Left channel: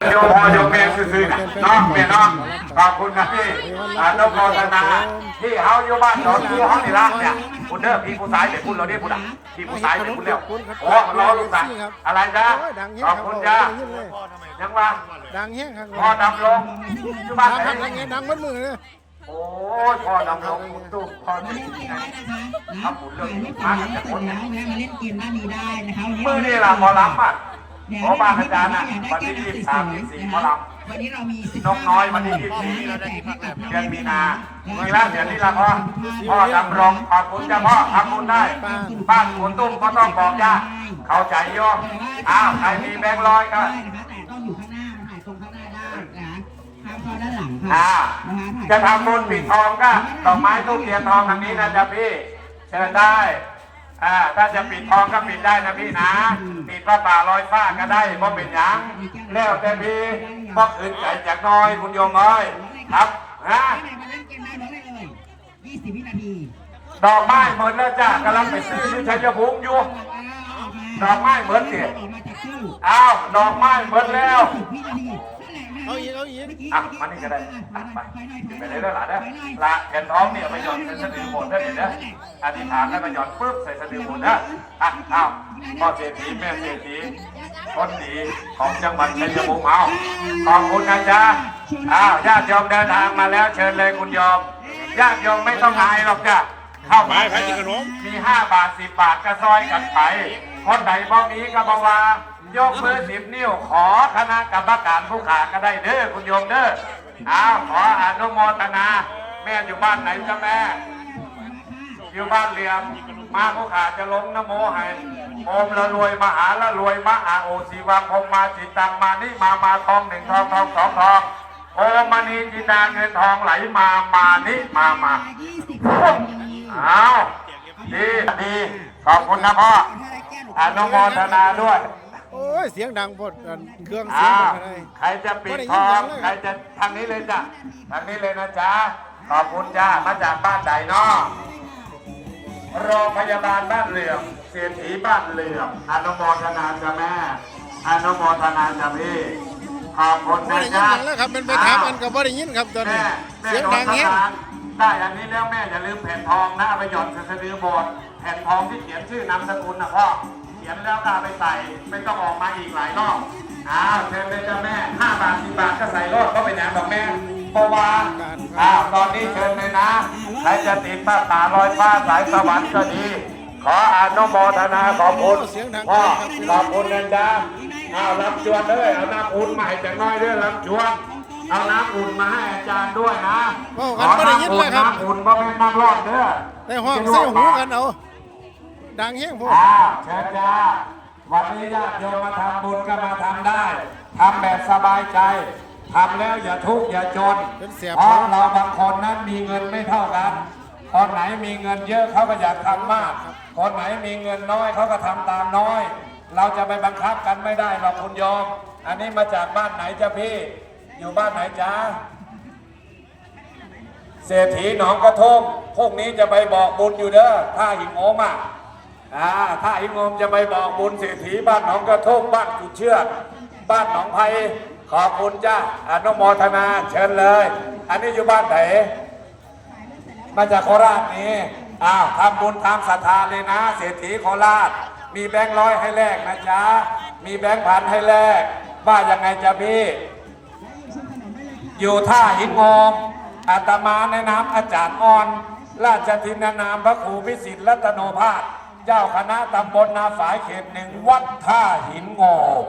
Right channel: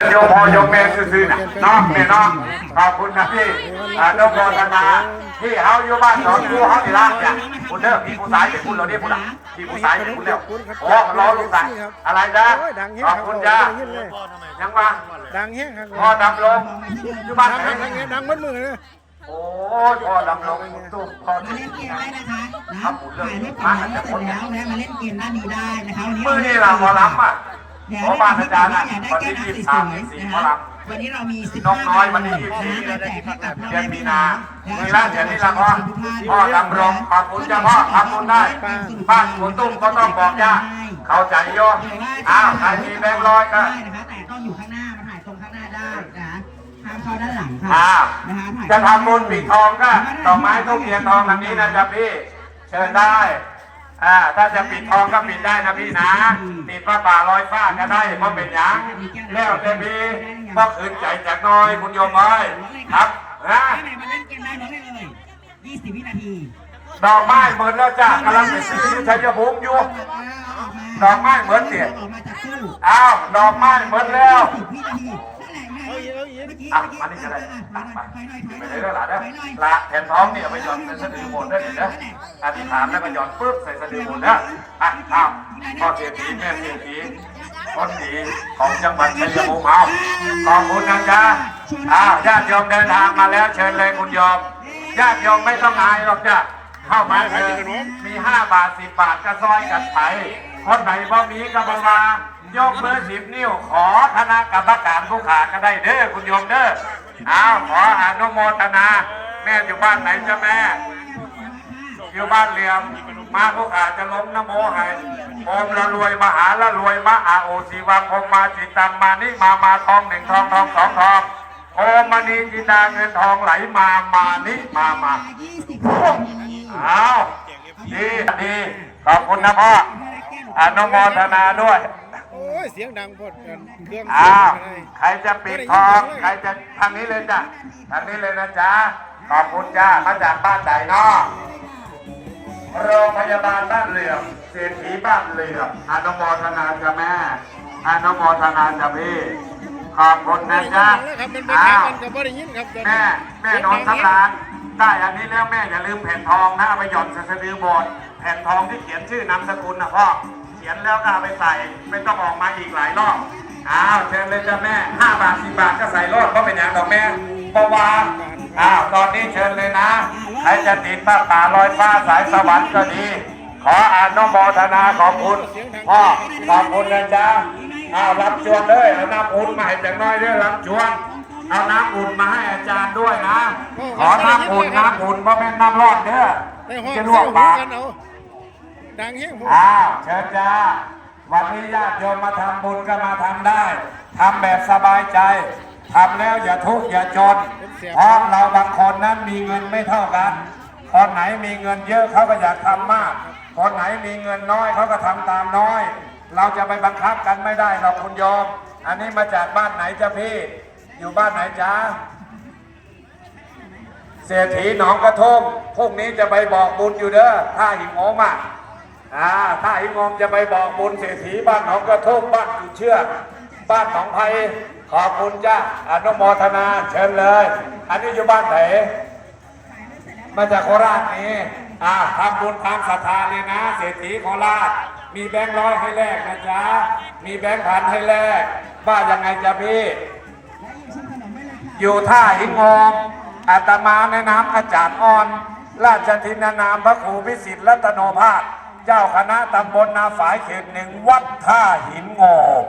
โยมพ่อโยมแม่ซื่อๆน้องเนี่ยน้องขอบคุณนะพี่อนุโมทนาที่เฮาอยู่บ้านสองคู่เฮาที่รักเนี่ยคุณเด้อพี่ผู้ชายเดี๋ยวคุณเราเรียกคุณละพี่ผู้ชายเดี๋ยวคุณเรียโอ้รอลูกสาวอะไรนะโอ้ยดังแห้งขอบคุณจ้ายังมาดังแห้งครับพ่อนำลงอยู่บ้านดังไหนครับดังแห้งดังมัดมือเลยโอ้ยพ่อนำลงทุกพ่อมาเล่นเกมได้นะคะนะถ่ายรูปถ่ายรูปเสร็จแล้วนะมาเล่นเกมด้านนี้ได้นะคะวันนี้มือนี่ล่ะหมอลำอะ เดี๋ยวหมอเราบ้านอยาอาจารย์อะได้วันแก้ที่วยี่สิบน้ำสสามวยยี่สิบๆสี่นะหมอลำคะวันนี้เรามีน้อง15น้อยวันที่ยี่สิบสี่เราแจกให้กับพ่อเดือนแม่มีพี่นาน้องทีละเดือนนี้ละพ่อพ่อดำรงขอบคุณจ้าพ่อขอบคุณได้บ้านคุณตุ้มก็ต้องบอกย่าเข้าใจโยมอ้าวใครมีแบงค์ร้อยก็ได้นะคะแต่ต้องอยู่ข้างหน้ามาถ่ายตรงข้างหน้าได้นะคะห้ามเข้าด้านหลังค่ะอ้าวนะคะถ่ายจะทำบุญปิดทองก็ดอกไม้ทุกเทียนทองทางนี้นะจ๊ะพี่เชิญได้ อ่าถ้าจะปิดทองก็ปิดได้นะพี่นะปิดพระป่าลอยฟ้าก็ได้เพราะเป็นหยังแล้วแต่พี่ก็คืนใจจากน้อยคุณโยมเอ้ยครับนะถ้าไหนมาเล่นเกมได้น้องได้เลย20วินาทีดอกไม้เหมือนแล้วจ้ากำลังไปซื้ออยู่ชัยภูมิอยู่ ดอกไม้เหมือนเสียออกมาจากตู้อ้าวดอกไม้เหมือนแล้วสิบวินาที เอาอีกเอาอีกเมื่อกี้อะเมื่อกี้มานี่ก็ได้ตัดไปถอยหน่อยถอยหไปน่อยเลยแล้วล่ะเด้อถอยหน่อยละแผ่นท้องเนี่ยเอาไปหย่อนในสะดือหมดได้เลยนะอธิษฐานแล้วก็หย่อนปุ๊บใส่สะดือหมดนะอะอ้าวพ่อเศรษฐีแม่เศรษฐีคนดีของจังหวัดชัยภูมิเอาขอบคุณนะจ๊ะอ้าวญาติโยมเดินทางมาแล้วเชิญเลยคุณโยมญาติโยมไม่ต้องอายหรอกจ้ะเข้ามาเถอะมีห้าบาทสิบบาทก็ซอยกันไปคนไหนบ่มีก็บอกว่ายกมือสิบนิ้วขอคณะกรรมการ ผู้ขาก็ได้เด้อคุณโยมเด้ออ้าวขออนุโมทนา แม่อยู่บ้านไหนจ้ะแม่ อยู่บ้านเหลี่ยม มาผู้ขาจะล้มนโมให้โอมละรวยมหาละรวยมหาโอสีวาคมมาจิตตังมานิมามาทองหนึ่งทองทองสองทองโอมมณีจิตาเงินทองไหลมามานิมามา20วินาทีเอาดีดีขอบคุณนะพ่ออนุโมทนาด้วย อ้ยเสียงดังพดกันเครื่องเสียอ้างวอะไรใครจะปิดทองใครจะทางนี้เลยจ้ะทางนี้เลยนะจ๊ะขอบคุณจ้ามาจากบ้านใดเนอโรงพยาบาลบ้านเหลื่อมเศรษฐีบ้านเหลื่อมอนุโมทนาจ้ะแม่อนุโมทนาจ้ะพี่ขอบคุณบ่นะได้ยินจ๊ะดังแล้วครับเป็นไปถามกันกับบ่ได้ยินครับตอนนี้แม่แม่เสียงโดนดังสเนี้ตาร์ได้อันนี้แล้วแม่อย่าลืมแผ่นทองนะเอาไปหย่อนใส่สะดือโบสถ์แผ่นทองที่เขียนชื่อนามสกุลนะพ่อ เขียนแล้วก็เอาไปใส่ไม่ต้องออกมาอีกหลายรอบอ้าวเชิญเลยจ้ะแม่ห้าบาทสิบบาทก็ใส่รอบก็เป็นอย่างดอกแม่เพราะว่าอ้าวตอนนี้เชิญเลยนะใครจะติดผ้าป่าลอยฟ้าสายสวรรค์ก็ดีขออนุโมทนาขอบคุณพ่อขอบคุณนะจ๊ะอ้าวรับจวนเลยเอาน้ำอุ่นมาให้จังน้อยด้วยรับจวนเอาน้ำอุ่นมาให้อาจารย์ด้วยนะโอ้ขกันอบ่ได้ยินน้ำเลอุ่นยครับน้ำอุ่นเพราะเป็นน้ำรอดเด้อในห้องจะลใส่วกหูปากกันเอา ดังแห้งพวกอ้าวเชิญจ้าวันนี้ญาติโยมมาทำบุญก็มาทำได้ทำแบบสบายใจทำแล้วอย่าทุกข์อย่าจนเป็นเสียบเพราะเราบางคนนั้นมีเงินไม่เท่ากันคนไหนมีเงินเยอะเขาก็อยากทำมาก คนไหนมีเงินน้อยเขาก็ทำตามน้อย เราจะไปบังคับกันไม่ได้หรอกคุณโยมอันนี้มาจากบ้านไหนจ้ะพี่ อยู่บ้านไหนจ้าเศรษฐีหนองกระทงพรุ่งนี้จะไปบอกบุญอยู่เด้อถ้าหิงโอมอะ อ่าถ้าหิงอมจะไปบอกบุญเศรษฐีบ้านหนองกระทงบ้านจุดเชือกบ้านหนองไผ่ขอบคุณจ้าอนุโมทนาเชิญเลย อันนี้อยู่บ้านไหนมาจากโคราชนี่อ่าทำบุญตามศรัทธาเลยนะ เศรษฐีโคราช มีแบงค์ร้อยให้แลกนะจ๊ะมีแบงค์พันให้แลกว่ายังไงจ๊ะพี่ อยู่ท่าหินงมอาตมาในนามอาจารย์อ่อน ราชทินานามพระครูวิสิทธิ์รัตโนภาส เจ้าคณะตำบลนาฝายเขตหนึ่งวัดท่าหินงม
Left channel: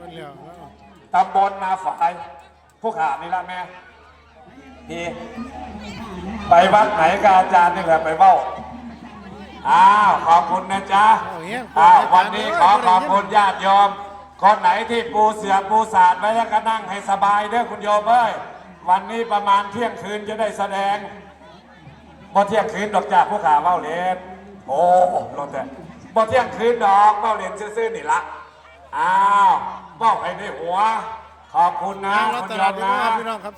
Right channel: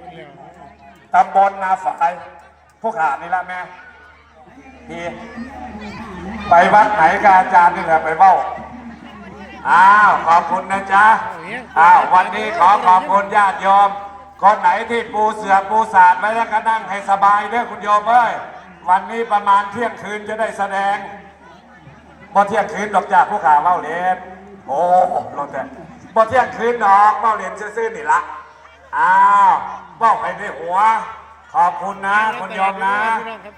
มันแล้วตำบลนาฝายผู้ขานี่ละแม่ดีไปวัดไหนกับอาจารย์นี่แหละไปเบ้าอ้าว ขอบคุณนะจ๊ะอ้าววันนี้ขอขอบคุณญาติโยม คนไหนที่ปูเสือปูสาดไว้แล้วก็นั่งให้สบายเด้อคุณโยมเอ้ยวันนี้ประมาณเที่ยงคืนจะได้แสดงพอเที่ยงคืนดอกจากผู้ขาเล่าเล่น โอ้ลงแต่พอเที่ยงคืนดอกเล่าเล่นซื่อๆนี่ละอ้าวเบ้าให้ในหัว ขอบคุณนะคุณโยมนะ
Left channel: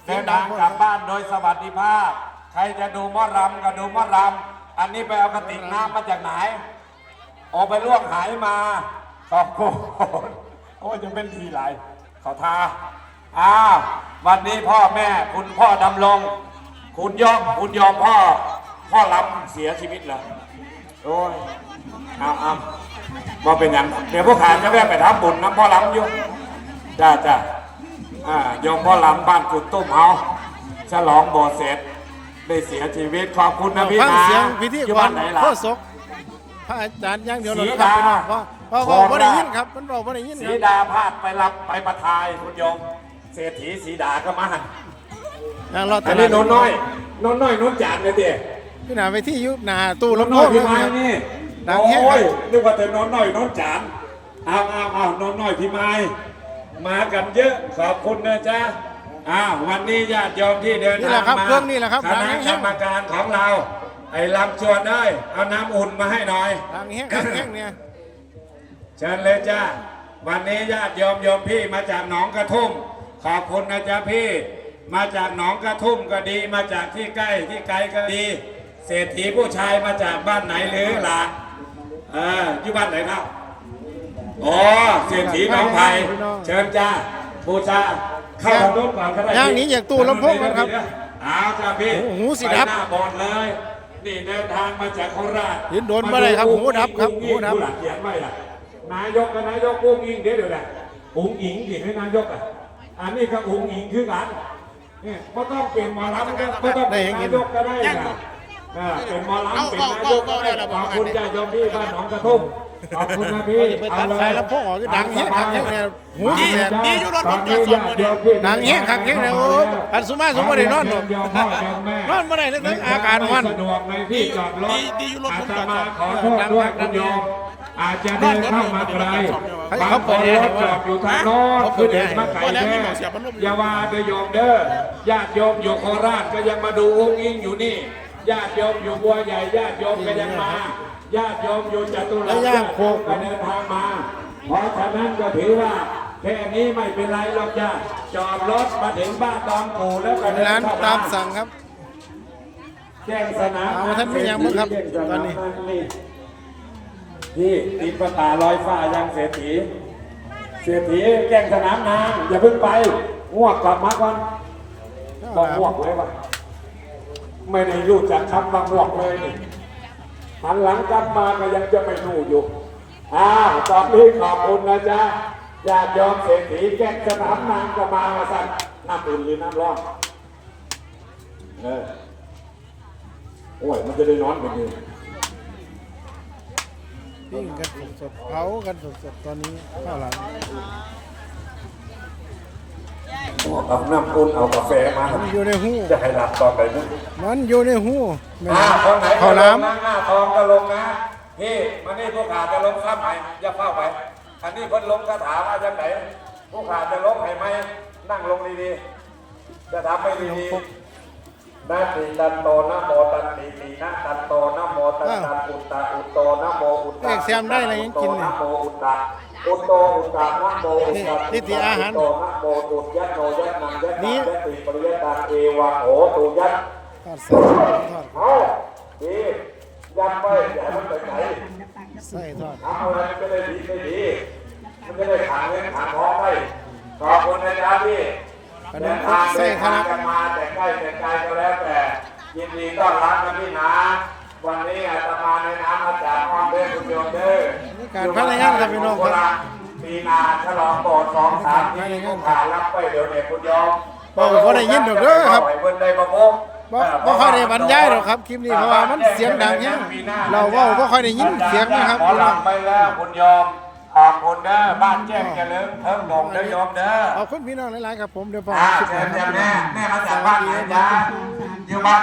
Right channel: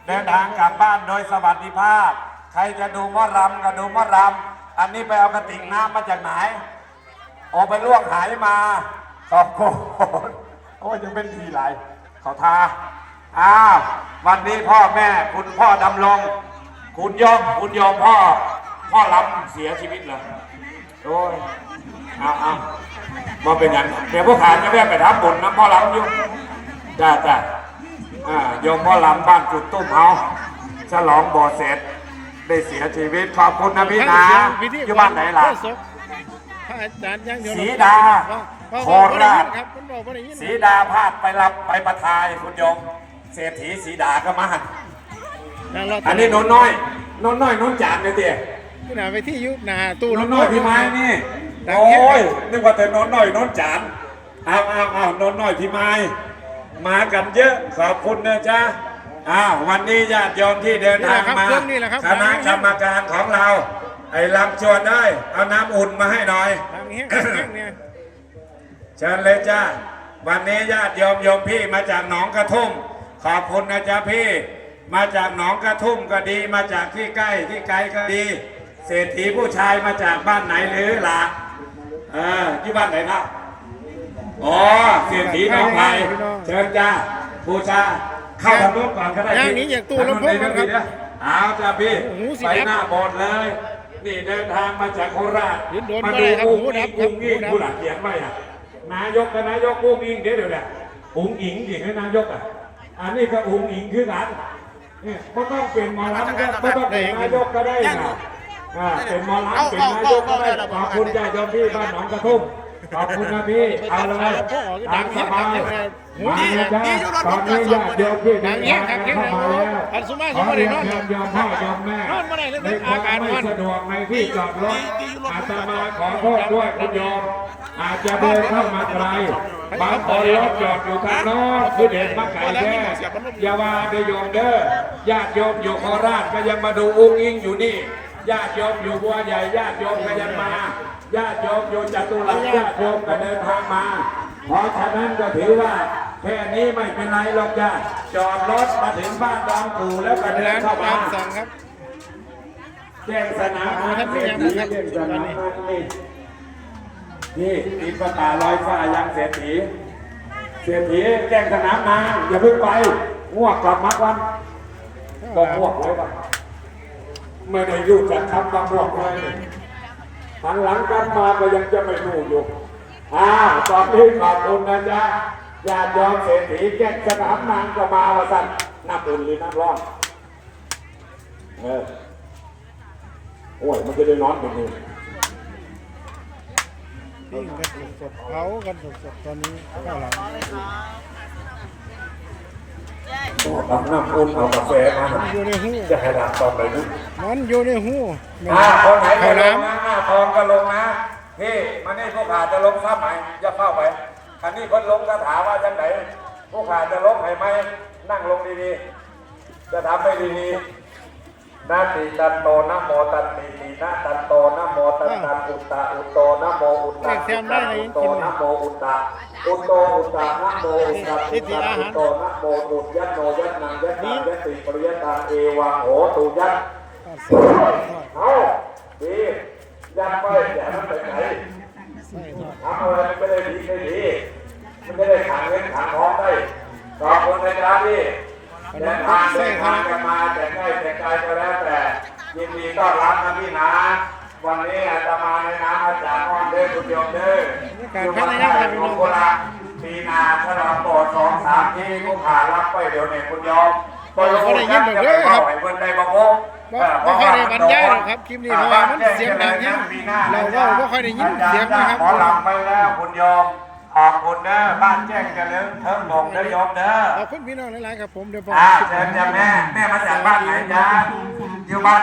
เดินทางกลับบ้านโดยสวัสดิภาพ ใครจะดูหมอรำก็ดูหมอรำอันนี้ไปเอากระติกน้ำมาจากไหนออกไปล่วงหายมาขอบคุณโอ้ยยังเป็นทีไรขอทาอ้าววันนี้พ่อแม่คุณพ่อดำรงคุณยมคุณยมพ่อ พ่อรับเสียชีวิตแล้ว โอ้ยเอาเอามาเป็นอย่างเดี๋ยวพวกขาก็ได้ไปทำบุญนะพ่อรับอยุ่จ้าจ้าอ่ายมพ่อลำบ้านจุดตุ้มเฮาฉลองบ่อเสร็จได้เสียชีวิตขอบคุณนะพี่ฟังนะเสียงพิธีอยู่กบ้ารนไหนล่ะโคศกพระอาจารย์อย่างเดียวศรีดาว่าว่าโคว่าบ่ได้ราชยินครับมันบอกบ่ได้ยินสีดาพาดไปรับไปประทายคุณโยมเศรษฐีสีดาก็มาทางเราอันนี้โน้นน้อยโน้นน้อยโน้นจานเลยเตี้ย ที่หน้าไปที่ยุบหน้าตู้โน้นลำโพน้อยงพี่ไม้นี่ดังแค่โอ้ยนึกว่าแต่โน้นน้อยโน้นจานเอาเอาเอาโน้นน้อยพี่ไม้มากันเยอะขอบคุณนะจ๊ะอ้าววันนี้ญาติโยมที่เดินนี่แหทางละครับมาเครื่องนี่แหละครับคณะกรรมการของเรา ไอ้ลำชวนได้เอาน้ำอุ่นมาให้หน่อยดังแห้งดังแห้งเนี่ยเชิญเลยจ้าวันนี้ญาติโยมโยมพี่มาจากหนองกระทุ่ม ขอบคุณนะจ๊ะพี่ มาจากหนองกระทุ่มก็ดี มาจากที่ใกล้ที่ไกลก็ดี เศรษฐีผู้ชายมาจากบ้านไหนหรือล่ะอ่าที่บ้านไหนครับอ๋อเศรษฐีของไทยเชิญจ้าบูชาเข้าทางนู้นก่อนก็ได้ย่างนี้อยากตู้ลำโพงนะครับเอาจ้าพี่โอ้โหสิไปครับหน้าโบสถ์เลย นี่เดินทางมาจากโคราชเห็นโดนบ่ได้ครับหูดับครับหูดับผู้หลักเขียนไว้อะนายกกับนายกอุ้งอิงเดี๋ยวเดี๋ยวนะอุ้งอิงดิให้นายกอะอันนี้ก็อุ้งอิงคือกันนี่ก็ต้องเป็นหมอลำก็ก็ต้องเป็นนายกก็ได้นะ อ่าเป็นหมอลำเป็นนายกก็ได้ขอบคุณญาติโยมพี่บ้านหนองกระทุ่มขอบคุณนะพี่เอาเลยลำโพงออกดังสแห้งบาดัยงแห้งเลยหูมาเสียจ้ะตอนนี้ญาติโยมพี่ดังแห้งครับแห้งเลยโอ้อันสุมาสมบ่ได้นอนหรอกโยมพ่อโยมแม่นอนบ่ได้ตั้งแต่อาการมันสะดวกในที่จอดรถอาตมาขอโทษด้วยคุณโยมอาจจะเดินเข้ามาไกลบางคนรถจอดอยู่ทางโน้นคือเดินมาไกลแน่อย่ามาเดอโยมเด้อญาติโยมอยู่โคราชก็ยังมาดูอุ้งอิงอยู่นี่ ญาติโยมอยู่บัวใหญ่ญาติโยมก็ยังมาญาติโยมอยู่จตุรัสญาติโยมก็เดินทางมา เพราะฉะนั้นก็ถือว่าแค่นี้ไม่เป็นไรหรอกจ้าจอดรถมาถึงบ้านตองปู่แล้วก็เดิร้านนเข้าตามามสั่งครับแจ้งสนามเอามาท่านไม่ยังบ้างครับตอนนี้นี่ตีประกาศลอยฟ้ายังเศรษฐีเศรษฐีแจ้งสนามนานอย่าเพิ่งไปง่วงก่อนมาก่อนก็ง่วงเลยว่ะ ไม่ได้อยู่จัดทำความง่วงเลยนี่หันหลังกันมาก็ยังจะไม่รู้อยู่อ่าตอนนี้ขอบคุณนะจ๊ะญาติโยมเศรษฐีแจ้สนามนางก็มาว่าสั่นน้ำอุ่นหรือน้ำร้อนเออโอ้ยมันจะได้นอนไปดูปิ้งกันสดๆเผากันสดๆตอนนี้ข้าวหลาม เอาน้ำอุ่นเอากาแฟมามันอยู่ในหูจะให้หลับต่อไปนี่มันอยู่ในหูแม่อ่าคนไหนข้าวหลามนะหน้าทองก็ลงนะพี่มานี่พวกขาจะลงซ้ำไหมอย่าเข้าไปอันนี้เพิ่นลงคาถาว่าจังไหนพวกขาจะลงให้ไหมนั่งลงดีๆจะทำให้ดีๆนาติตันโตนะโมตันติติ นะตันโตนะโมตันตันอุตตะอุตโตนะโมอุตตะเอกเสียมได้อะไรยังกินะโมอุตตะอุตโตอุตตะนะโมอุตตะนี่ที่อาหารโตนะโมตุตยัตโนยัตนังยัตตังยัตติปริยตังเอวะโหตุยัตทอดใส่ทอดเอาดียัดไปอย่ามันไปไหนใส่ทอดทำอะไรมันจะได้ดีได้ดีมันจะได้ขังเงินขังทองไปขอบคุณนะจ๊ะพี่เดินทางเดินทางกันมาแต่ใกล้แต่ไกลก็แล้วแต่ ยินดีต้อนรับนะพี่นะวันนี้อาตมาในน้ำอาจารย์ออนเด้อคุณโยมเด้อการพัฒนาครับพี่น้องครับปีนาฉลองโบสถ์สองสามปีลูกขารับไปเดี๋ยวเนี่ยคุณโยมบ่บ่ได้ยินดอกเด้อครับคนใดบ่พบบ่บ่ค่อยได้บรรยายหรอกครับคลิปนี้เพราะว่ามันเสียงดังแฮงเราเว้าบ่ค่อยได้ยินเสียงนะครับขอพี่หน้ลัองงไปแล้วคุณโยมขอบคุณเด้อบ้านแจ้งเจริญเทิงดงเด้อโยมเด้อขอบคุณพี่น้องหลายๆครับผมเดี๋ยวพออ่าคลิปหเชิน้าญจ้ะแม่แม่มาจากบ้านไหนจ๊ะอยู่บ้าน